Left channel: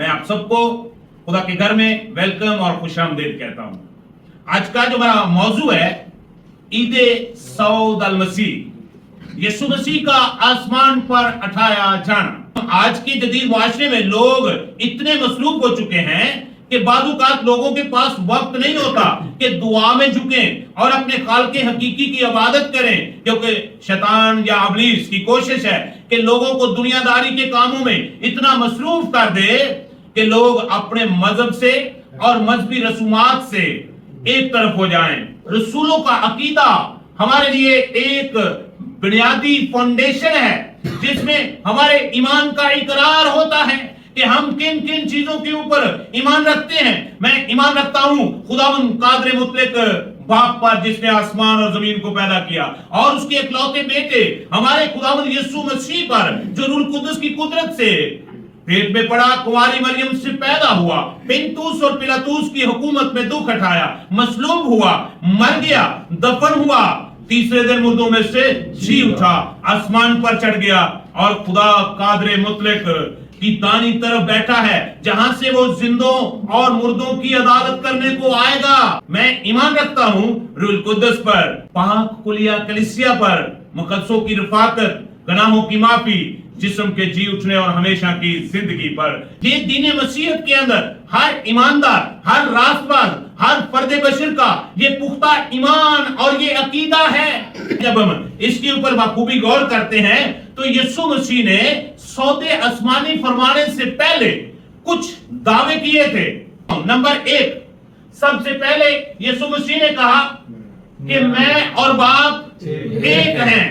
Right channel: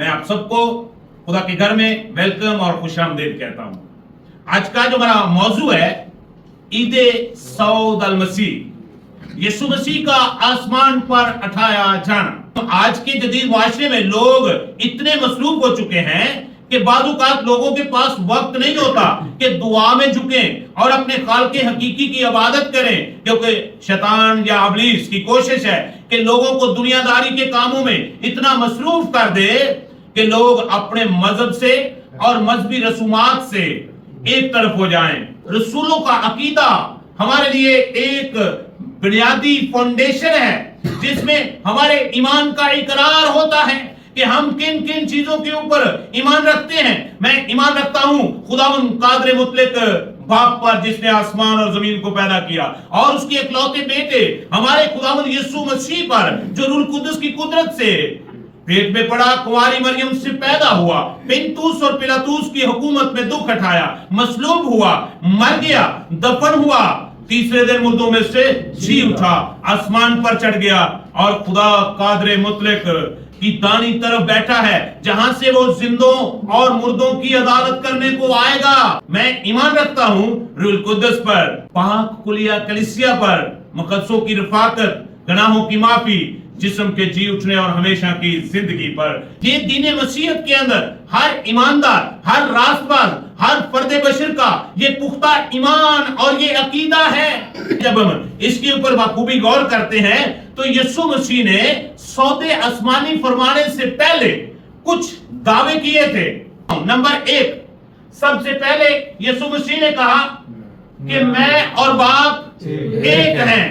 میں آپ سب کو خدا کے گھر میں ویلکم اور خوش آمدید کہتا ہوں۔ آج کا جو میرا موضوع ہے عید سعود المسیح، یسوع مسیح کا آسمان پر اٹھایا جانا۔ آج کے جدید معاشرے میں لوگ اتنے مصروف ہو چکے ہیں کہ بعض اوقات لوگوں کے پاس وقت نہیں ہوتا کہ دعا میں جھکیں اور اپنے خالق حقیقی کی عبادت کریں، کیونکہ شیطان یا ابلیس کی کوشش ہے کہ لوگوں کو دنیا داری کے کاموں میں اتنا مصروف کر دے کہ لوگ اپنے مذہب سے اور مذہبی رسومات سے ایک طرف ہو جائیں۔ رسولوں کا عقیدہ ہمارے لیے ایک بنیادی فاؤنڈیشن ہے جس میں ہمارے ایمان کا اقرار ہوتا ہے کہ ہم کن کن چیزوں کے اوپر ایمان رکھتے ہیں۔ میں ایمان رکھتا ہوں خداوند قادر مطلق باپ پر جس نے آسمان اور زمین کو پیدا کیا، اور اس کے اکلوتے بیٹے ہمارے خداوند یسوع مسیح پر جو روح القدس کی قدرت سے پیٹ میں پڑا، کنواری مریم سے پیدا ہوا، پنتوس اور پلاطوس کی حکومت میں دکھ اٹھایا، مصلوب ہوا، مر گیا، دفن ہوا، تیسرے دن مردوں میں سے جی اٹھا، آسمان پر چڑھ گیا اور خدا قادر مطلق کی دائیں طرف بیٹھا ہے جہاں سے وہ زندوں اور مردوں کی عدالت کرنے کو آئے گا۔ میں ایمان رکھتا ہوں روح القدس پر، پاک کلیہ کلیسیا پر، مقدسوں کی رفاقت، گناہوں کی معافی، جسم کے جی اٹھنے اور ہمیشہ کی زندگی پر۔ یہ دین مسیحیت کے اندر ہر ایماندار، ہر راست باز، ہر فرد بشر کا یہ پختہ ایمان اور یہ عقیدہ ہے۔ جب ہم اس کے اوپر بخوبی غور کرتے ہیں تو یسوع مسیح نے سود آسمانی فرمانے سے پہلے کچھ دعوے کیے تھے۔ نمبر 1، سب سے پہلے یسوع مسیح نے کہا کہ میں اور باپ ایک ہیں۔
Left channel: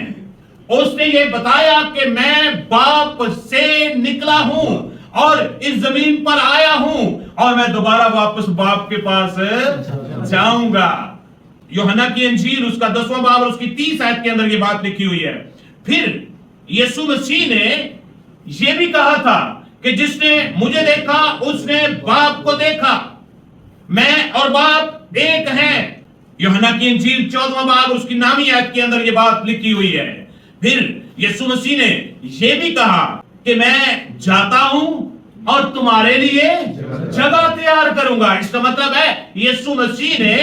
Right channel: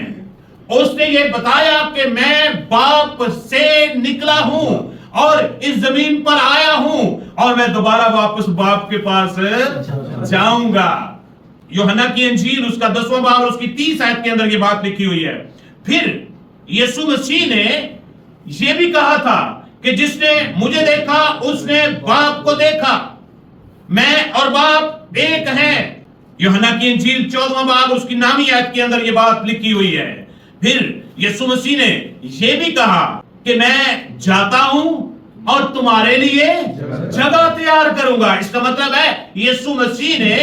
اس نے یہ بتایا کہ میں باپ سے نکلا ہوں اور اس زمین پر آیا ہوں اور میں دوبارہ واپس باپ کے پاس جاؤں گا۔ یوحنا کی انجیل اس کا 10واں باب اور اس کی 30 آیت کے اندر یہ بات لکھی ہوئی ہے۔ پھر یسوع مسیح نے یہ بھی کہا تھا کہ جس نے مجھے دیکھا اس نے باپ کو دیکھا، میں اور باپ ایک ہیں۔ یوحنا کی انجیل 14واں باب اس کی نامی آیت کے اندر یہ بات لکھی ہوئی ہے۔ پھر یسوع مسیح نے یہ بھی کہا کہ میں جاتا ہوں اور تمہارے لیے جگہ تیار کروں گا۔ اس کا مطلب ہے یسوع مسیح نے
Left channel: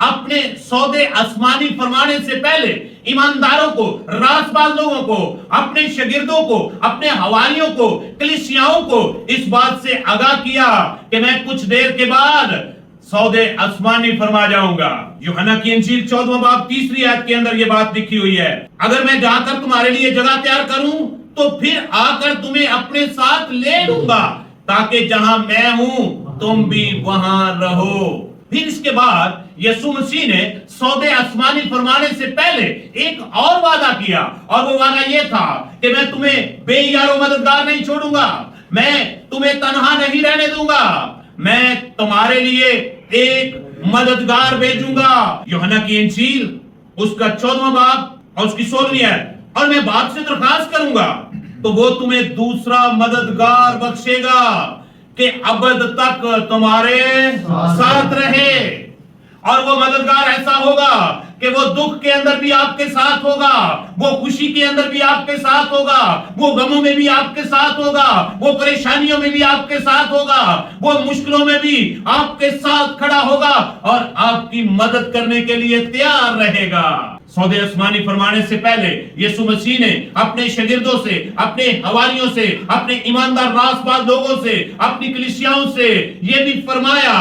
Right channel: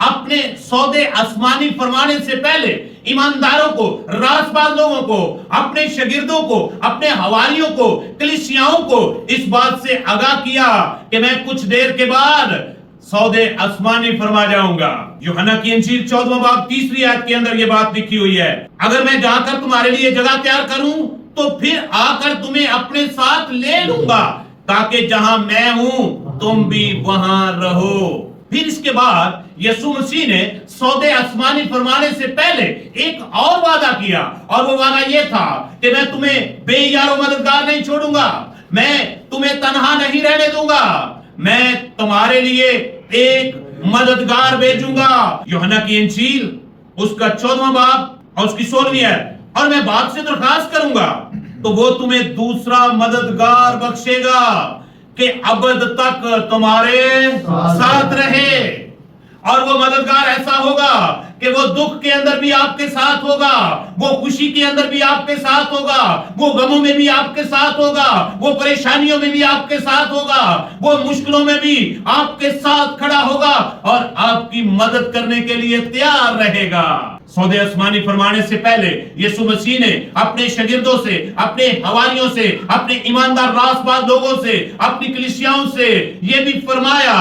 اپنے سودے آسمانی فرمانے سے پہلے ایمانداروں کو، راست باز لوگوں کو، اپنے شاگردوں کو، اپنے حواریوں کو، کلیسیاؤں کو اس بات سے آگاہ کیا کہ میں کچھ دیر کے بعد سودے آسمانی فرما جاؤں گا۔ یوحنا کی انجیل 14واں باب 3 آیت کے اندر یہ بات لکھی ہوئی ہے، اگر میں جا کر تمہارے لیے جگہ تیار کروں تو پھر آ کر تمہیں اپنے ساتھ لے لوں گا تاکہ جہاں میں ہوں تم بھی وہاں رہو۔ پھر اس کے بعد یسوع مسیح نے سودے آسمانی فرمانے سے پہلے ایک اور وعدہ کیا، اور وہ وعدہ یہ تھا کہ میں تمہیں بے یار و مددگار نہیں چھوڑوں گا، میں تمہیں تنہا نہیں رہنے دوں گا، میں تمہارے لیے ایک مددگار بھیجوں گا۔ یوحنا کی انجیل اس کا 14واں باب اور اس کی 16ویں آیت، اور میں باپ سے درخواست کروں گا تو وہ تمہیں دوسرا مددگار بخشے گا کہ ابد تک تمہارے ساتھ رہے۔ اور وہ مددگار ایسا ہوگا کہ وہ دکھ کے اندر بھی آپ کے ساتھ ہوگا، وہ خوشی کے اندر بھی آپ کے ساتھ ہوگا، وہ غموں میں بھی آپ کے ساتھ ہوگا، وہ پریشانیوں میں بھی آپ کے ساتھ ہوگا، وہ مشکلوں میں بھی آپ کے ساتھ کھڑا ہوگا اور آپ کی مدد کرنے کے لیے تیار رہے گا۔ سودے آسمانی فرمانے سے پہلے یسوع مسیح نے اپنے شاگردوں سے، اپنے حواریوں سے، اپنے ایماندار راست باز لوگوں سے، اپنی کلیسیاؤں سے یہ بھی فرمایا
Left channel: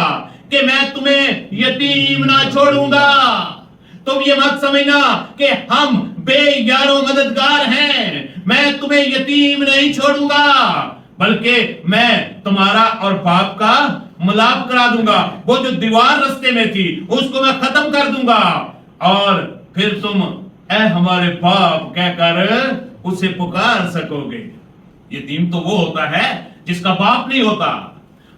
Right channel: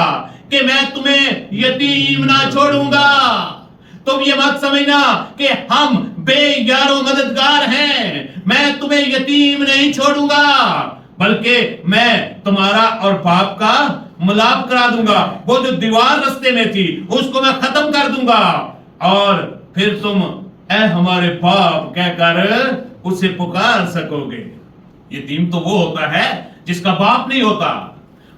کہ میں تمہیں یتیم نہ چھوڑوں گا۔ تم یہ مت سمجھنا کہ ہم بے یار و مددگار ہیں، میں تمہیں یتیم نہیں چھوڑوں گا، بلکہ میں تمہارا اور باپ کا ملاپ کرا دوں گا۔ وہ جو دیوار رستے میں تھی اس کو میں ختم کر دوں گا، اور پھر تم اے ہمارے باپ کہہ کر اسے پکار سکو گے۔ یتیم تو وہ ہوتا ہے جس کا باپ نہیں ہوتا،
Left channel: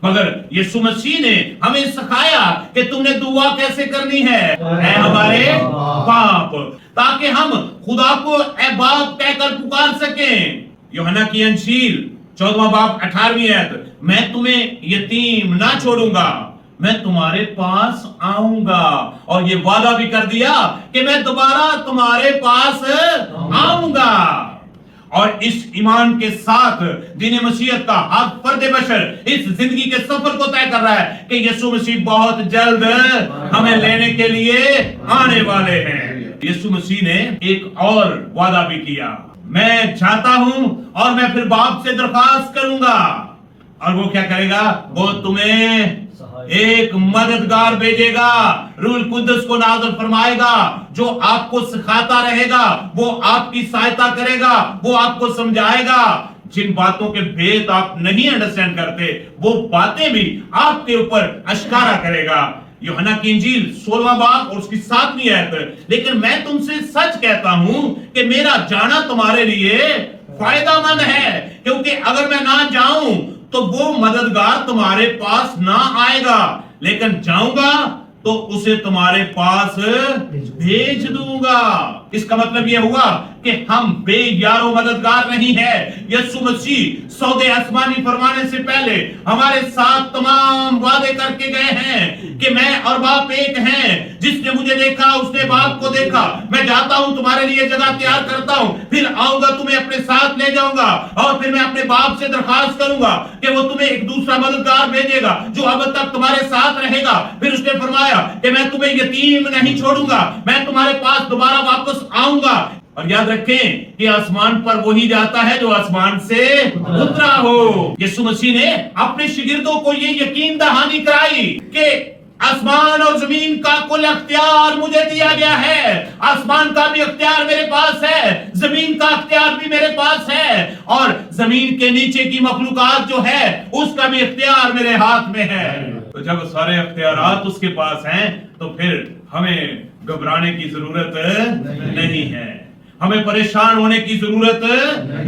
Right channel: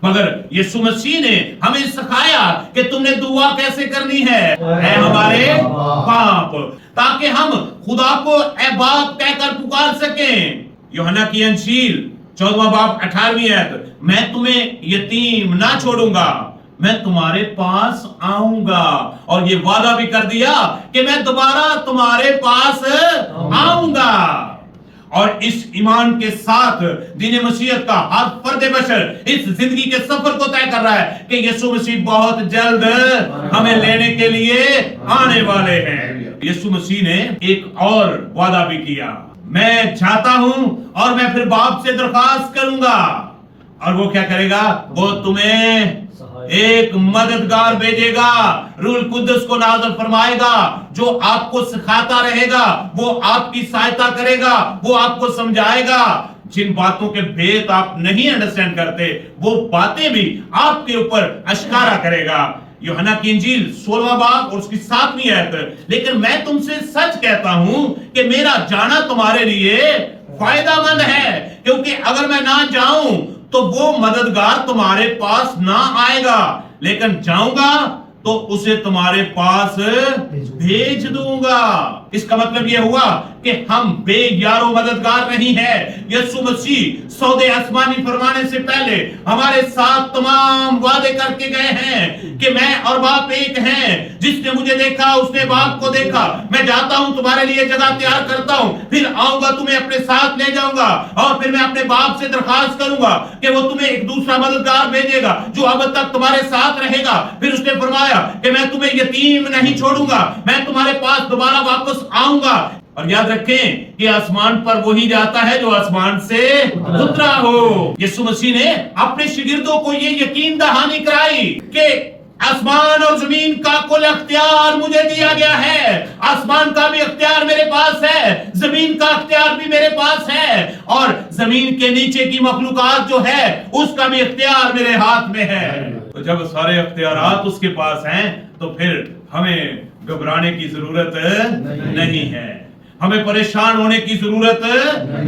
مگر یسوع مسیح نے ہمیں سکھایا کہ تم نے دعا کیسے کرنی ہے، اے ہمارے باپ، تاکہ ہم خدا کو اے باپ کہہ کر پکار سکیں۔ یوحنا کی انجیل 14واں باب 18ویں آیت، میں تمہیں یتیم نہ چھوڑوں گا، میں تمہارے پاس آؤں گا، اور یہ وعدہ بھی کر دیا کہ میں دوبارہ تمہارے پاس آؤں گا۔ اور اس ایمان کے ساتھ دین مسیحیت کا ہر فرد بشر اس زندگی کے سفر کو طے کر رہا ہے کہ یسوع مسیح بہت جلد ہمیں لینے کے لیے آنے والے ہیں۔ یسوع مسیح نے ایک اور وعدہ بھی کیا، میں چاہتا ہوں اور میں پھر باپ سے درخواست کروں گا، اور وہ کیا کرے گا؟ وہ تمہیں ایک مددگار بھیجے گا، روح القدس کو نازل فرمائے گا، جو آپ کو سکھاتا رہے گا، وہ آپ کی سہایتا کرے گا، وہ آپ کو سمجھائے گا۔ جن باتوں کے بھید آپ نہیں انڈرسٹینڈ کرتے وہ باتیں بھی آپ کے اوپر اشکارا کرے گا۔ یوحنا کی انجیل 16واں باب اور اس کی 7ویں آیت، لیکن میں تم سے سچ کہتا ہوں کہ میرا جانا تمہارے لیے فائدہ مند ہے، کیونکہ اگر میں نہ جاؤں تو وہ مددگار تمہارے پاس نہ آئے گا، لیکن جاؤں گا تو اسے تمہارے پاس بھیج دوں گا۔ اس کا مطلب یہ ہوا کہ ہم بے یار و مددگار نہیں ہے۔ یسوع مسیح سودے آسمانی فرمانے سے پہلے ہمارے ساتھ تمام وعدے کر کے گئے ہیں کہ میں اور باپ ایک ہیں، جس نے مجھے دیکھا اس نے باپ کو دیکھا، میں جاتا ہوں تمہارے لیے جگہ تیار کرتا ہوں، پھر آؤں گا تمہیں اپنے ساتھ لے جاؤں گا، اور پھر میں اپنے باپ سے درخواست کروں گا کہ وہ تمہیں ایک دوسرا مددگار بھیجے گا جو اب تک تمہارے ساتھ رہے گا۔ پھر اس نے فرمایا کہ میں تمہیں یتیم نہیں چھوڑوں گا، میں تمہارے پاس دوبارہ واپس آؤں گا۔ اور یاد رکھیں کہ آسمان پر وہی جاتا ہے جو آسمان سے اترا ہو۔ یسوع مسیح نے اپنے شاگردوں کو یہ یقین دہانی کرائی کہ آسمان اور زمین کا کل اختیار مجھے دیا گیا ہے، آسمان کا بھی اختیار میرے پاس ہے، زمین کا اختیار بھی میرے پاس ہے، اور زمین کے نیچے کی مخلوقات جو ہے اس کا بھی اختیار میرے ہاتھ میں ہے۔ تو جب سارے اختیارات اس کے پاس ہیں تو پھر ہمیں گھبرانے کی ضرورت نہیں ہے، ہمیں پریشان ہونے کی ضرورت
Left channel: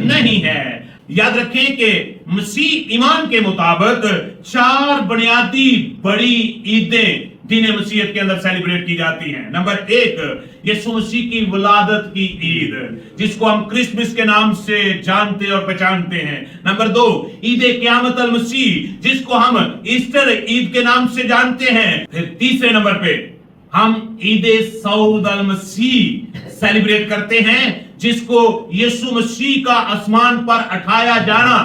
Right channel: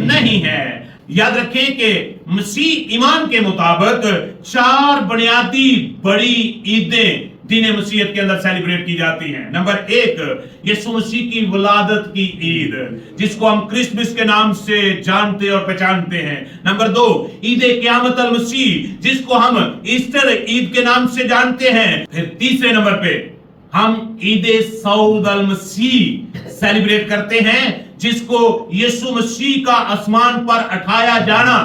نہیں ہے۔ یاد رکھیں کہ مسیح ایمان کے مطابق 4 بنیادی بڑی عیدیں دین مسیحیت کے اندر سیلیبریٹ کی جاتی ہیں۔ نمبر 1 یسوع مسیح کی ولادت کی عید، جس کو ہم کرسمس کے نام سے جانتے اور پہچانتے ہیں۔ نمبر 2 عید قیامت المسیح، جس کو ہم ایسٹر عید کے نام سے جانتے ہیں۔ پھر تیسرے نمبر پہ ہم عید صعود المسیح سیلیبریٹ کرتے ہیں، جس کو یسوع مسیح کا آسمان پر اٹھایا جانا،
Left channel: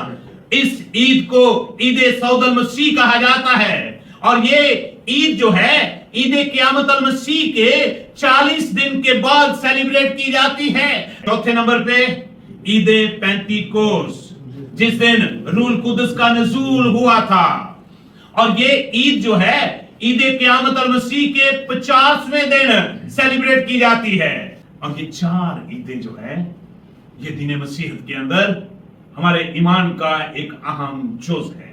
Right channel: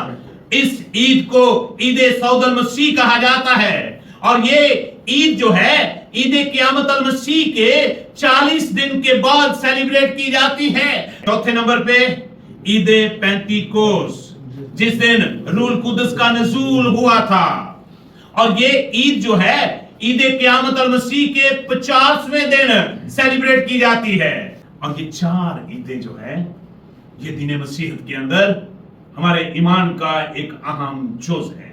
اس عید کو عید صعود المسیح کہا جاتا ہے۔ اور یہ عید جو ہے عید قیامت المسیح کے 40 دن کے بعد سیلیبریٹ کی جاتی ہے۔ چوتھے نمبر پہ عید پینتیکوس، جس دن روح القدس کا نزول ہوا تھا، اور یہ عید جو ہے عید قیامت المسیح کے 50ویں دن سیلیبریٹ کی جاتی ہے۔ اور یہ 4 عیدیں جو ہے یہ دین مسیحیت کے اندر ہمارے ایمان کا ایک اہم جز ہے۔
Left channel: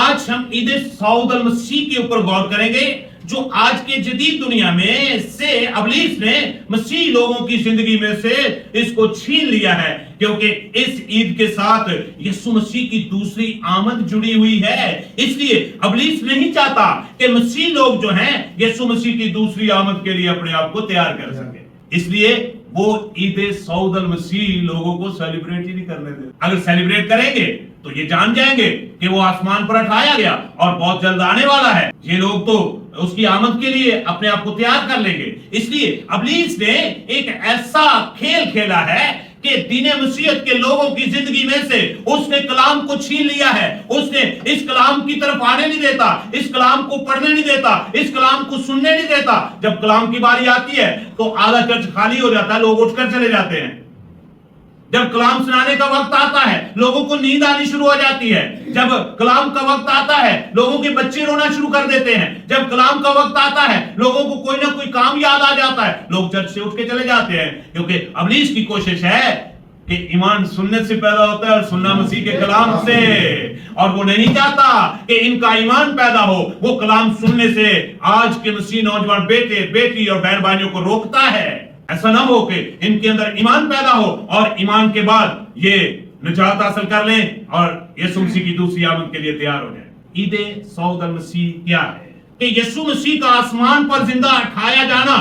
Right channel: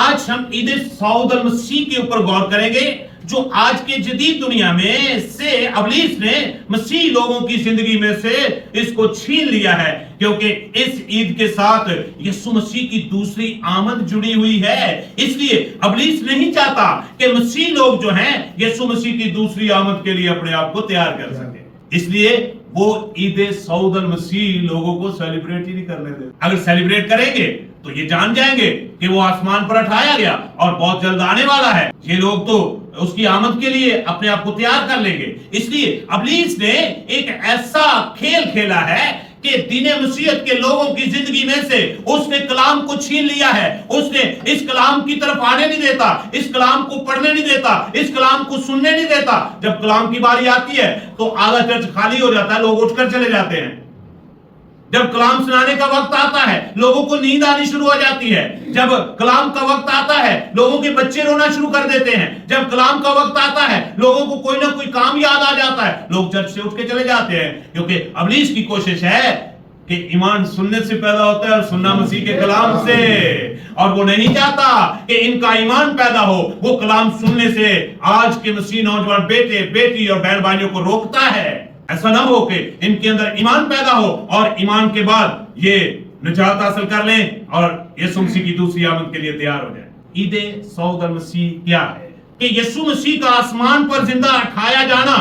آج ہم عید صعود المسیح کے اوپر غور کریں گے، جو آج کے جدید دنیا میں سے ابلیس نے مسیح لوگوں کی زندگی میں سے اس کو چھین لیا ہے، کیونکہ اس عید کے ساتھ یسوع مسیح کی دوسری آمد جڑی ہوئی ہے۔ اس لیے ابلیس نہیں چاہتا کہ مسیح لوگ جو ہیں یسوع مسیح کی دوسری آمد کے لیے اپنے آپ کو تیار کر سکیں، اس لیے وہ عید صعود المسیح لوگوں کو سیلیبریٹ ہی نہیں کرنے دے۔ اگر سیلیبریٹ کریں گے تو یہ جان جائیں گے کہ وہ آسمان پر اٹھایا گیا اور بہت جلد آنے والا ہے، یہ لوگ تو اس کی آمد کے لیے اپنے آپ کو تیار کر لیں گے۔ اس لیے ابلیس نے ایک ایسا کھیل کھیلا ہے کہ دین مسیحیت کے لوگوں کی زندگی میں سے اس نے کلام کو چھین لیا ہے، اس نے اس کلام کی طرف آنے نہیں دیتا، اس کلام کو پڑھنے نہیں دیتا، اس کلام کو سننے نہیں دیتا۔ جب کلام کی باری آتی ہے تو آدھا چرچ خالی ہو جاتا ہے، لوگ اٹھ کر چلے جاتے ہیں۔ جب کلام سنانے کا وقت آتا ہے لوگوں کو نیند آنی شروع ہو جاتی ہے۔ جب کلام کا وقت آتا ہے لوگوں کے بچے رونا شروع کر دیتے ہیں۔ جب کلام کا وقت آتا ہے لوگوں کو کوئی نہ کوئی کام یاد آ جاتا ہے، لوگ چرچ سے اٹھ کے چلے جاتے ہیں، کیونکہ ابلیس کی کوشش ہے کہ ایمان سننے سے پیدا ہوتا ہے اور سننا مسیح کے کلام سے، اور وہ نہیں چاہتا کہ ان کا ایمان پیدا ہو۔ وہ کلام سننے سے آج کے مسیح نوجوان بیٹے بیٹی اور بہن بھائیوں کو روکتا ہے۔ ایسا نہ ہو کہ ان کے اندر ایمان پیدا ہو اور ایمان کے بعد یہ نجات حاصل کر لیں اور یسوع مسیح کی دوسری آمد کے لیے تیار ہو جائیں۔ عید صعود المسیح کیا ہے؟ کہ یسوع مسیح کا آسمان پر زندہ اٹھایا جانا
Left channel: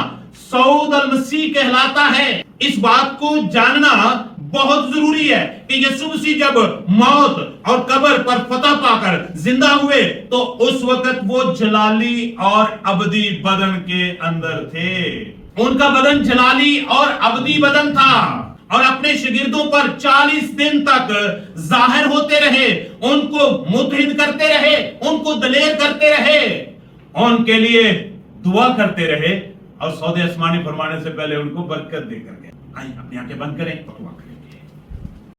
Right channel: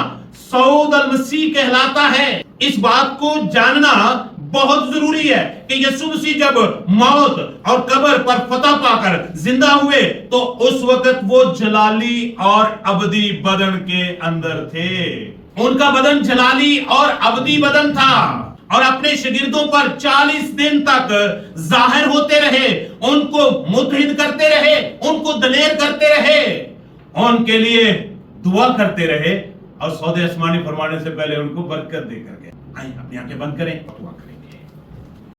صعود المسیح کہلاتا ہے۔ اس بات کو جاننا بہت ضروری ہے کہ یسوع مسیح جب موت اور قبر پر فتح پا کر زندہ ہوئے تو اس وقت وہ جلالی اور ابدی بدن کے اندر تھے۔ ان کا بدن جلالی اور ابدی بدن تھا، اور اپنے شاگردوں پر 40 دن تک ظاہر ہوتے رہے، ان کو متحد کرتے رہے، ان کو دلیر کرتے رہے، ان کے لیے دعا کرتے رہے، اور سود آسمانی فرمانے سے پہلے ان کو برکت دے کر گئے۔ آئیں اپنی آنکھیں بند کریں، دعا کریں۔